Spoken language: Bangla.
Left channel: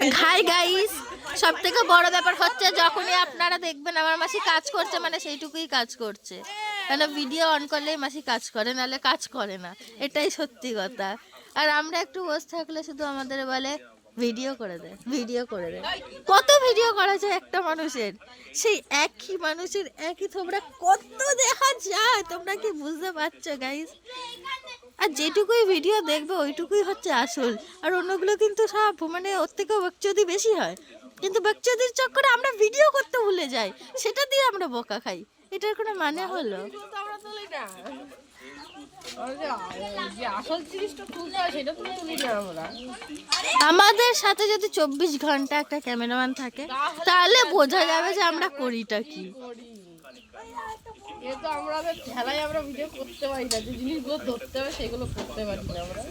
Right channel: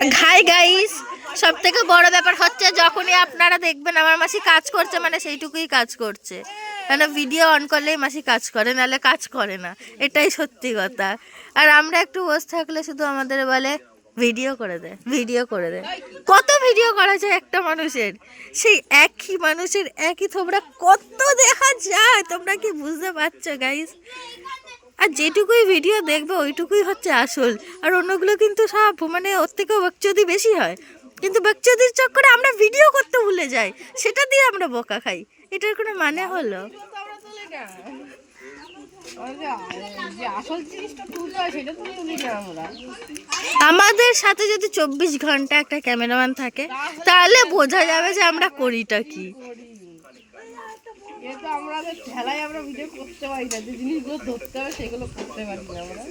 হাই গাইস, সব থেকে বড় ব্যাপার হচ্ছে যখনই আপনারা দেখবেন আমার মাসি কাজ করছে মানে সেইটুকুই কাজ করছে, মানে ভিডিও অন করলেই মাসি কাজ করে, নাহলে কাজ করে না, এটাই সত্যি কথা। আর আমরা একটু বসে থাকলে শুধু আমাদের বলে ভিডিও করে দে, ভিডিও করে দে। কত ভিডিও করা যায় একটা মানুষের, সেই একই মানুষের একই তোমরা কত দেখা যায়, তোমরা কি বুঝতে পারছো গাইস? আর যেটুকুই ভিডিও দেখবে ওইটুকুই হচ্ছে আসল, আর অন্যগুলো কিন্তু সব মানে ওর থেকেও বাকচুদি বেশি হয়। কিন্তু বাকচুদির চক্করে আমরা ভিডিও করতে ভুলে যাই, সেটা দিয়ে আমরা বোকা খাই। এটার কোনো মানে হলো? আমাদের সাথে যদি 24 ঘন্টা একটা ক্যামেরাম্যান থাকে তাহলে বোঝা যাবে যে আমরা করিটা কি। আমরা খেলায় আমরা ভিডিও করতে পারি না, যে জিনিসগুলো ধরতে হবে সেগুলো করতে পারি না আমরা।